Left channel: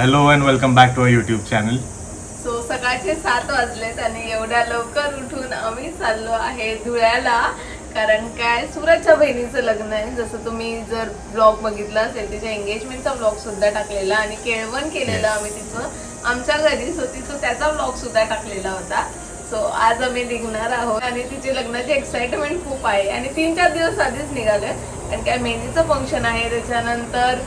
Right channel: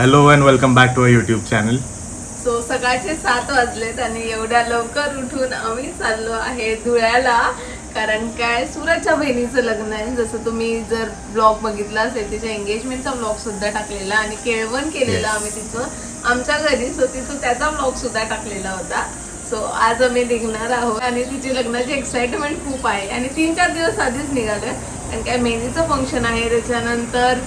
Hello and welcome back to a YouTube channel so सकाळचे सात वाजलेत आणि एवढ्या लवकर उठून आम्ही चाललो आहे धुळ्याला. कारण काय सुरतच्या बहिणीचं लग्न आहे. जसं तुम्ही जर ब्लॉग बघितला असेल तिच्या एंगेजमेंटचा ब्लॉग सुद्धा टाकलेला आणि केळवण केलेलं आम्ही तिचं आमच्या घरी सो तिचं त्याचा ब्लॉग सुद्धा टाकलेला होता. सो आज आम्ही निघणार आहोत आणि तिची लग्नाची एक्साइटमेंट खूप आहे. आणि तीन चार दिवस आधीच निघाले कारण काय मेहंदीचं फंक्शन आहे. त्याच्यानंतर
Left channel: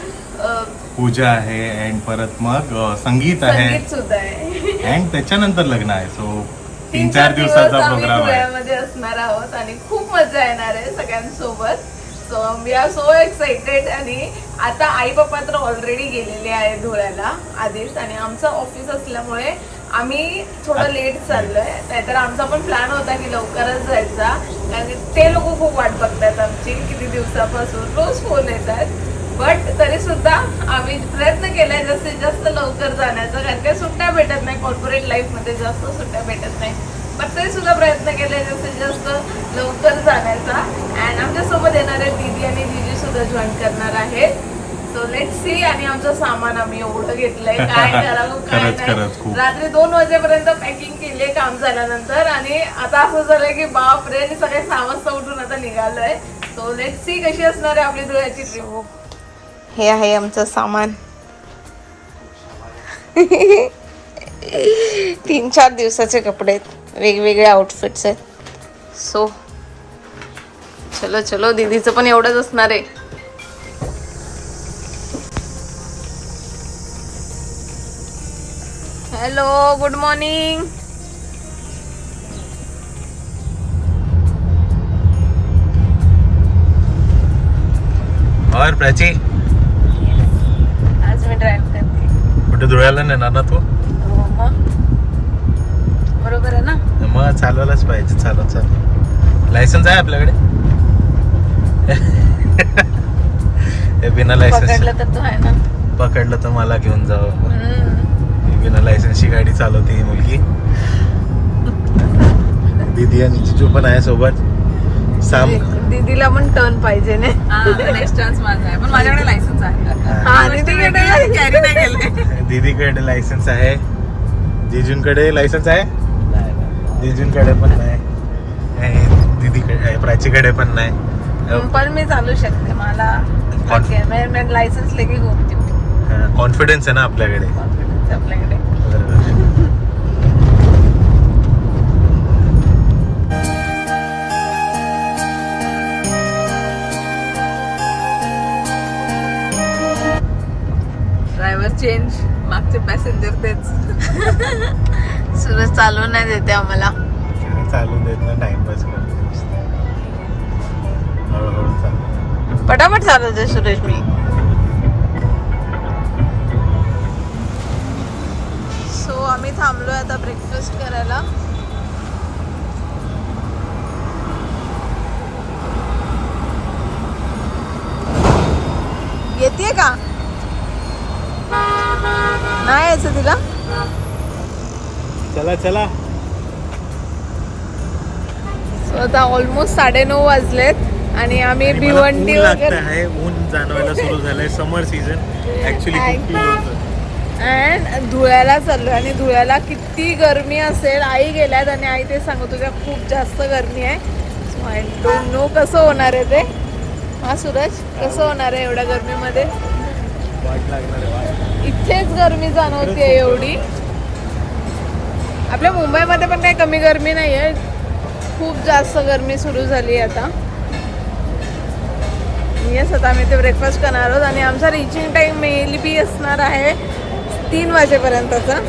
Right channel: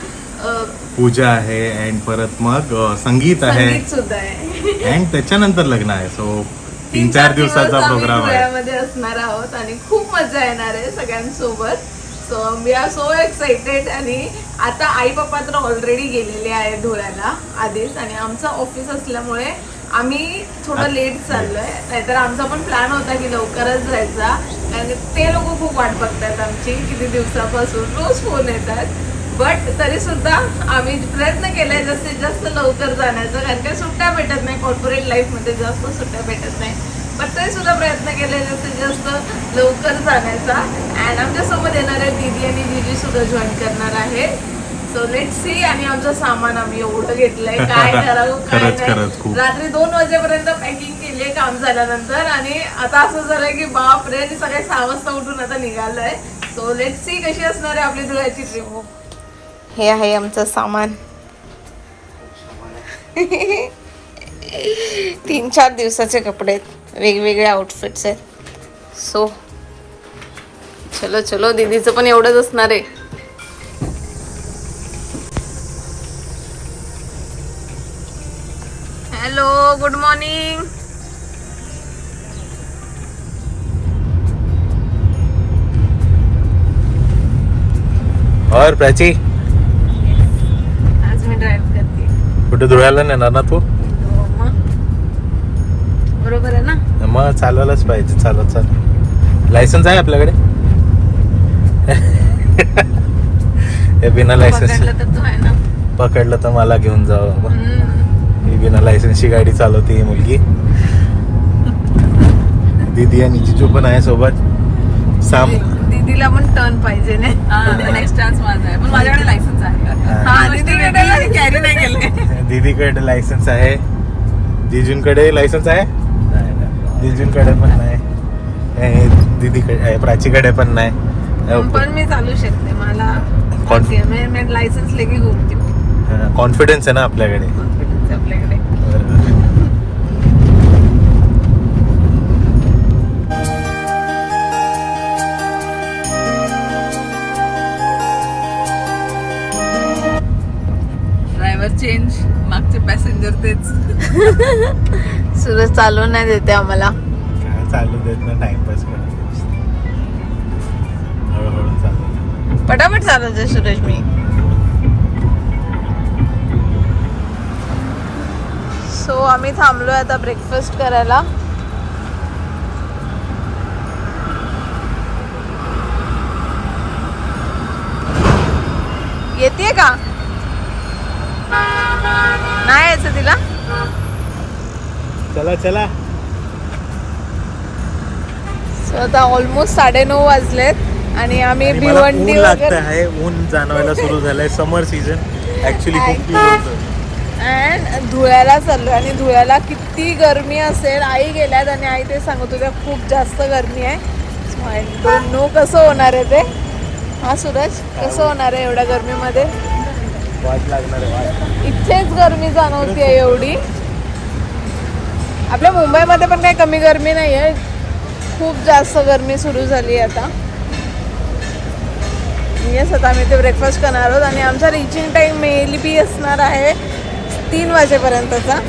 पूजा आहे अँड परत मग संगीत आहे. सुद्धा आहे. अँड त्याच्यानंतर लग्न आहे. सो तीन चार दिवसाचा प्रोग्राम आहे. असणार आहोत आणि खूप मजा येणार आहे सगळ्यांसोबत. So we are so excited आणि आता आई पप्पा तर ऑलरेडी गेलेले आहे धुळ्याला आधीच आणि आमचं ऑफिस असल्यामुळे आम्ही थोडं लेट चाललोय. नाहीतर आमचा पण प्लॅन होता की लवकरच जायचा. कारण ते लोक खूप वाट बघतात आमची किती दिवसापासून. रोज फोन येतात. बट तरी सुद्धा आम्ही प्रयत्न केलाय जास्तीत जास्त लवकर जाण्याचा. कारण काही सुट्ट्या भेटत नाही कॉर्पोरेट लाईफमध्ये जास्त सुट्ट्या भेटत नाही. पण तरी सुद्धा प्रयत्न केले जास्तीत जास्त लवकर जाण्याचा. अँड आमच्यासोबत येणारे दीदी आणि दीदी सुद्धा जॉईन करणार आहे सो लेट सी आणि आमचं सामान आम्ही एवढं घेतलंय. काय करावं काय नाही. रात्री दोन वाजेपर्यंत पॅकिंग केली काम झाल्यानंतर. आणि आता असं झालंय की बाप रे सहा वाजता उठून आता निघालोय. सो लेट सी कशी असणार आहे आपली धुळ्याची ट्रिप हे आहे आमचं सामान. तीन चार दिवसाचे कपडे आहेत. वेगवेगळे आउटफिट्स आहेत. सो चलो चलो दीदीचं पण एवढंच असणार आहे. हॅलो गुड मॉर्निंग और प्राची कुठे धुळ्याला नेणार ना तू? हो मग? बरोबर आहे ना? मग चालवायलाच पाहिजे चालत चालत लायसन्स आहे आपल्याकडे? हे बिना लायसन्स पकडलं तर तो आहे ना? पकडलं तर मला घेऊन जावं. ही बिना लायसन्सची गाडी चालवते ही मुलगी. दीदी आणि जिजू पण आहे सोबत. साम दीदीला पण टर्न पाहिजे ना? नेक्स्ट चान्स माझा आहे. पण माझ्याकडे लायसन्स आहे. दीदीकडे लायसन्स आहे. जिजूंकडे लायसन्स आहे? जिजूंकडे पण नाही. दीदीकडे प्राचीकडे पण नाही. पण मी चालू शकते. मला लायसन्स लेके घुमते कॉन्फिडन्स आहे ना आपल्याकडे? आपल्याकडे. चेंज मागचे पॅसेंजर तेच. सुरत चालू नाही देते आम्हाला. चालू देत ना टाइमपास करते पटापट चालवते सुरेश मी सो आम्ही थांबलोय आता ब्रेकफास्ट करायला. येते का? नाही यायचं तिला? चला चला. आता ऑलमोस्ट साडेनऊ वाजलेत आणि आम्ही आणि मला ऊन भिवंडी लागत वगैरे आहे. ऊन जाणवायला सुरू झालंय. समर सीझन ऍक्च्युली खूप फील होतं. अँड धुळ्याला चाललो आणि धुळ्याला किती गरमी असेल आई गेल्यात आणि आई ते सांगत होत्या खूप जास्त गरमी आहे. आय डोंट नो कसं होणार आहे ते. हा सूरज कसं होणार आहे एवढ्या गरमीमध्ये? वाट लागणार आहे वाट. इथेच गरमी जाणवते एवढी. आपल्या मुंबईमध्ये पण काही कमी गरमी नाही आहे खूप जास्त गरमी सुरू झाली आहे आता. येस आता आम्ही ते ब्रेकफास्ट करणार आहोत आणि आमचा रिचिंग टाइम मेली बी असणार आहे तीन वाजेपर्यंतचा.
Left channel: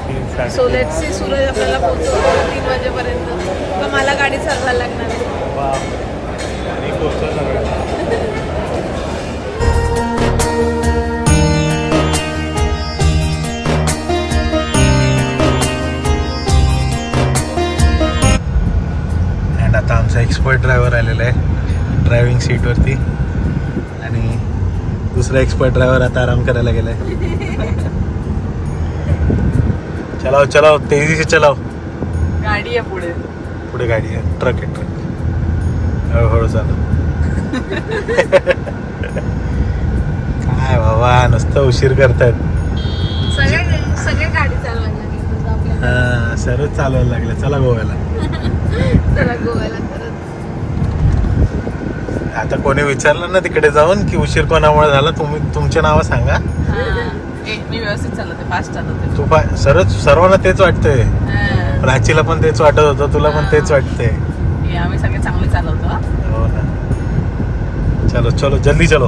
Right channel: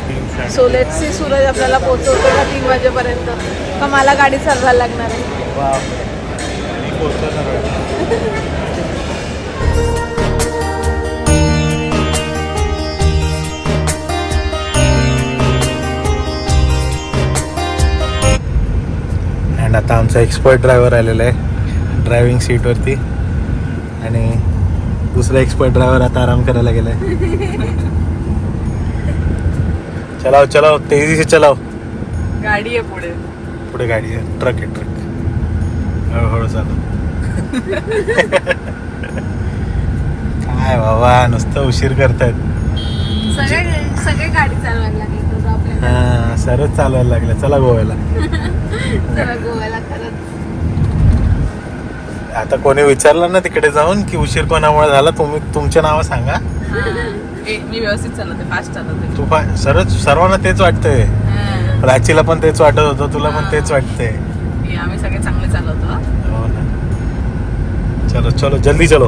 सो सी सूरज आपल्याला पोहोचवतो तीन वाजेपर्यंत. का मला गाडी चालवायला लागणार? आहे? बापरे. मी पोहोचतो सगळं. आता आमचा एक्सपर्ट ड्रायव्हर आलेला आहे ड्रायव्हिंग सीटवरती आणि दुसरा एक्सपर्ट ड्रायव्हर आता आराम करायला गेलाय चलाव चलाव तेजी से चलाव. गाडी आहे पुढे. पुढे गाडी आहे ट्रक आहे ट्रक आहे. हळूहळू चालू काय बाबा नुसतं उशीर करतायत. सगळे गाडी चालवायला लागली. हा सरच चालवायला लागलं. चला गोव्याला. गोव्याला खरंच. आता कोणी विचारलं ना तिकडे जाऊन की उशीर कोणामुळे झाला तुम्ही तुमच्या नाव सांगा. ए, मी व्यवस्थित चालवते फास्ट चालवते. तू पा- सरच सर्वांना तेच वाटतंय. हा. प्राचीला पण तेच वाटत होतं तुला पण तेच वाटतंय. हे आम्ही सगळे चांगले चालवतो ना. चलो चलो जल्दी चलो.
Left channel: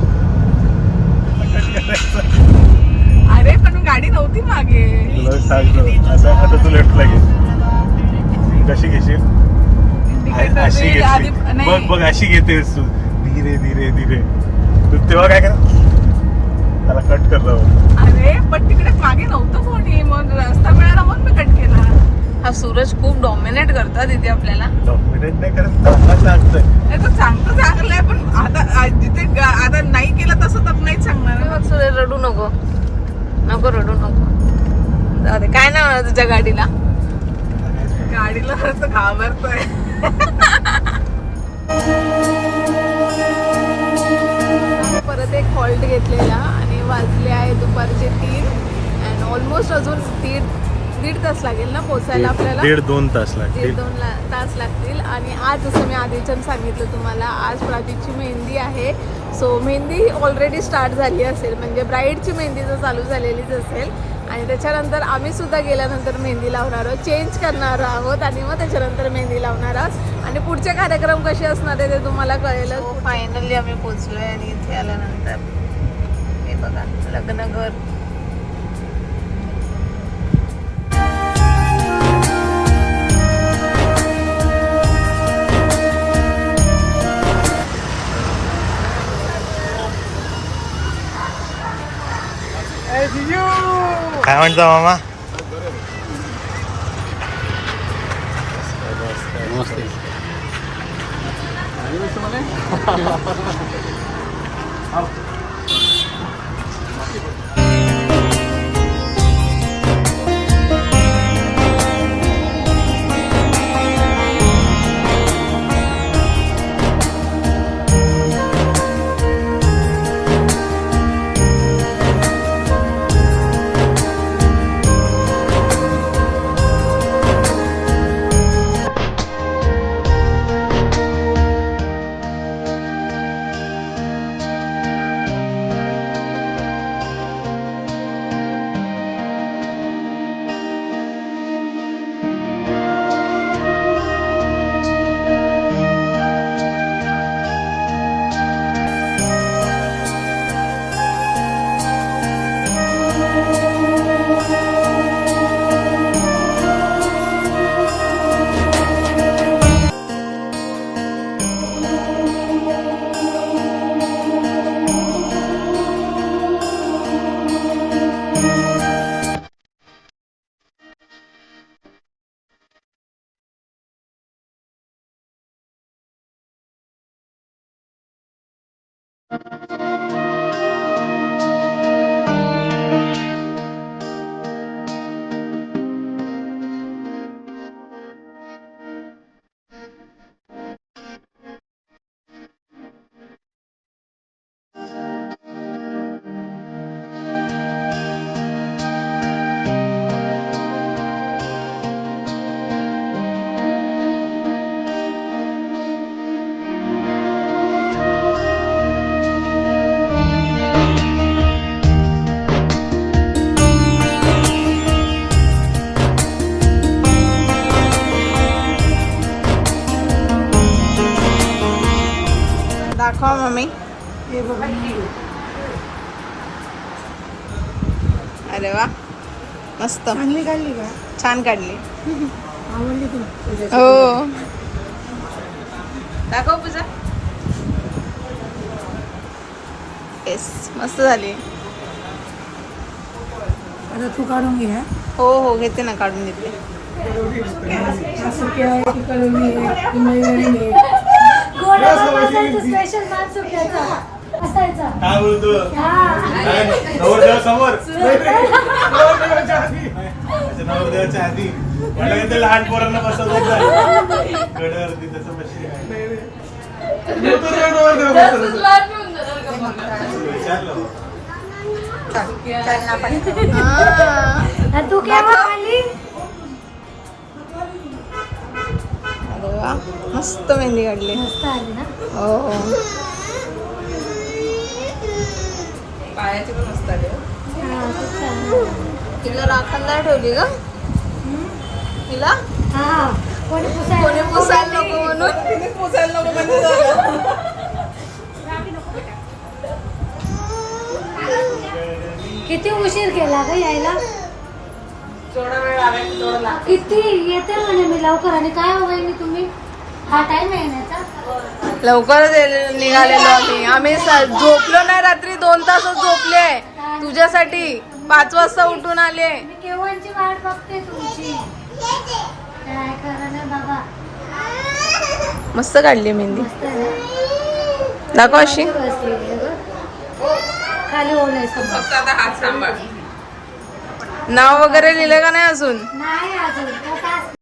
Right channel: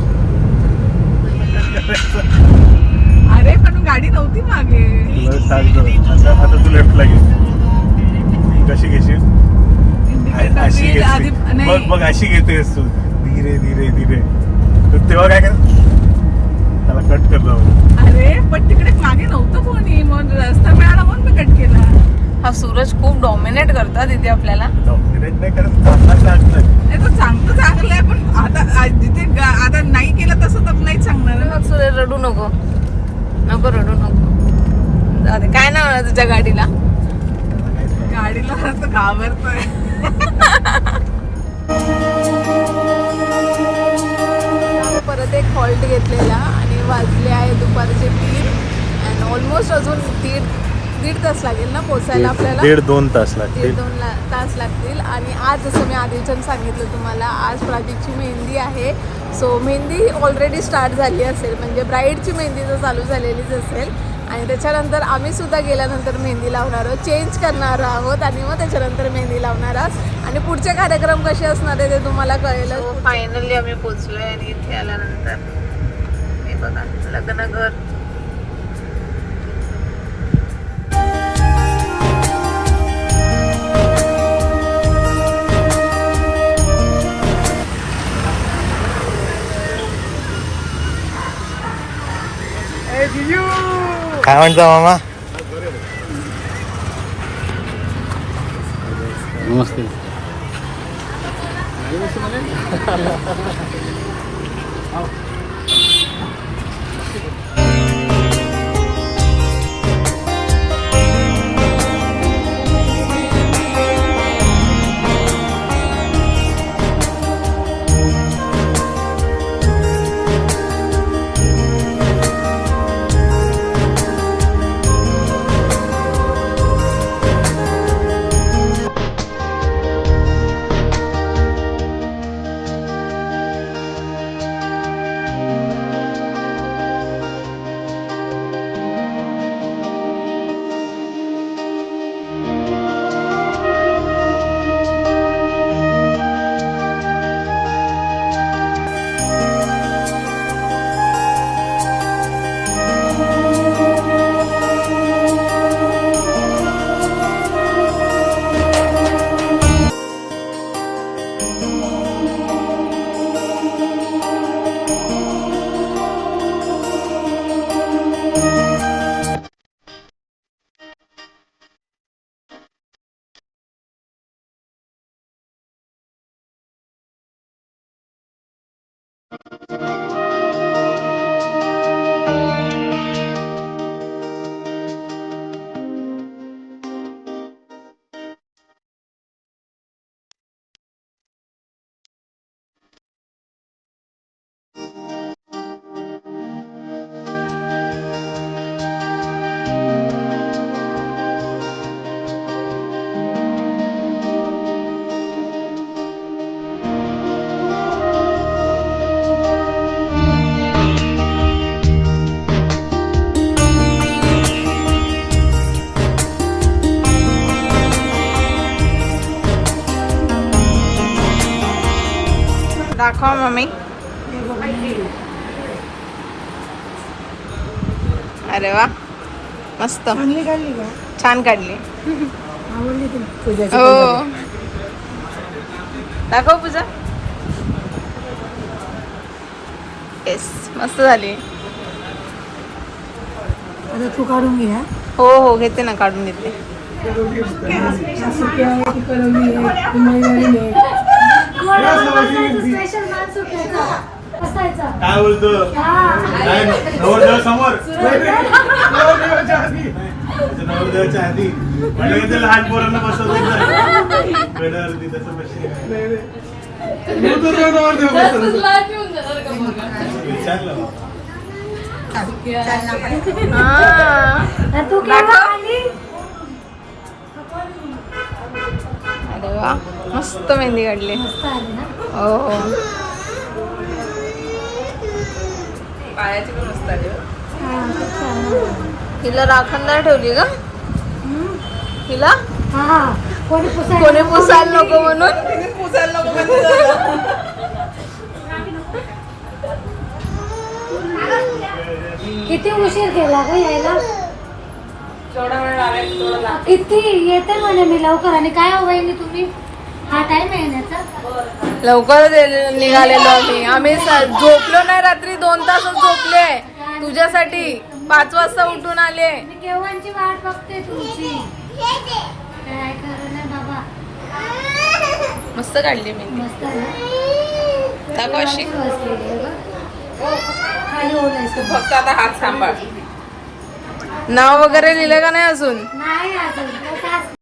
अरे पण गाडी नव्हती मागे. तुला सांगतो आता आता तू लेफ्टला घे. कशी घेशील? अशी घेते नाही. बघ बघ अशी घेतेस तू. धीरे धीरे धीरे. तू तेव्हा काय कर त्याला कट कर जाऊ अरे पण तिकडे मागे नव्हतं कोणी. मग रस्ता मिळाला म्हणून मी कट केला. हा सूरज खूप डॉमिनेट करतात इथे आपल्याला. डॉमिनेट नाही करत त्यांना सांगतं हे तर चांगलं चांगलं आहे पण आता जिथे आता नाही केलं तसं तर नाही सांगणार. सूरज रडू नको. नको रडू नको. दे. काय नाव आहे तुझ्या गाडीला? घाबरतोय. परत एक हॉल्ट घेतलेला आणि वाजले आहे दुपारचे तीन. अँड ऑलमोस्ट अजून दीड दीड तास लागेल ना पोचायला आपल्याला? दीड दोन तास दीड लागतील. दोन ला- तास लागतील. आणि आज जसं मी आधीच्यानं सांगितलं तुम्हाला आज प्राजक्तची मेहंदी आहे. सो मेहंदी ऑलरेडी स्टार्ट झाली असेल. म्हणजे ब्राईडची मेहंदी तर चालू झालेलीच असेल. आणि त्याच्यानंतर आम्ही सुद्धा गेल्यानंतर मेहंदी लावणार आहोत. चेंज करणार आहोत आणि मग त्याच्यानंतर मेहंदी लावणार आहोत. आणि पुढचे कार्यक्रम कसे असणार आहे ते तुम्हाला कळेल फायनली हो, आम्ही पोचलोय आणि इथे आल्यानंतर. हे बघा लग्न घर. काय म्हणता मामा you. दाखवा मम्मी अरे वा. मस्त. छान काढली. हो. दाखव पूजा. येस मस्त झाली. तू काढून घे हा. हो हो घेते ना काढून घेते. स्पेशल माल सुक्याचा असायचा. काय बोलतो? काय नवरदेवा समोर. नवरदेवाच्या आधी. नवरदेवाच्या आधी. मला ते लहान पोरांना बसवत गडावरती विचारलं हा. तू केव्हा आली? वा मस्त मेहंदी काढली. मस्त आली ना? हो. हो हो. हा, आहे. हिला राखणला ठेवली का? हिला? हा कोणी पुसायला नको म्हणून. पुसायला नको. किती उशीर केला ग यायला? जेवढा वेळ लागेल तेवढं लागेल. किती येते म्हणे मी लवकर. आणि काय हो वहिनी तुम्ही? हा टाइम आहे येण्याचा ये- निघालेलो आम्ही. आम्ही स- झोपलो नाही रात्री दोन तासच झोपले. तुझ्यासाठी पाच वाजता उठून आले. मी केव्हाची वाट बघते तुमची? काय करा ना बाबा? मस्त काढली मेहंदी मस्त आहे ना? दाखव अशी. बसलेली आहे गं. खाली ओढायचं फक्त आता हात सांभाळ. नाव वगैरे लिहिलं का नाही अजून? नाही अजून.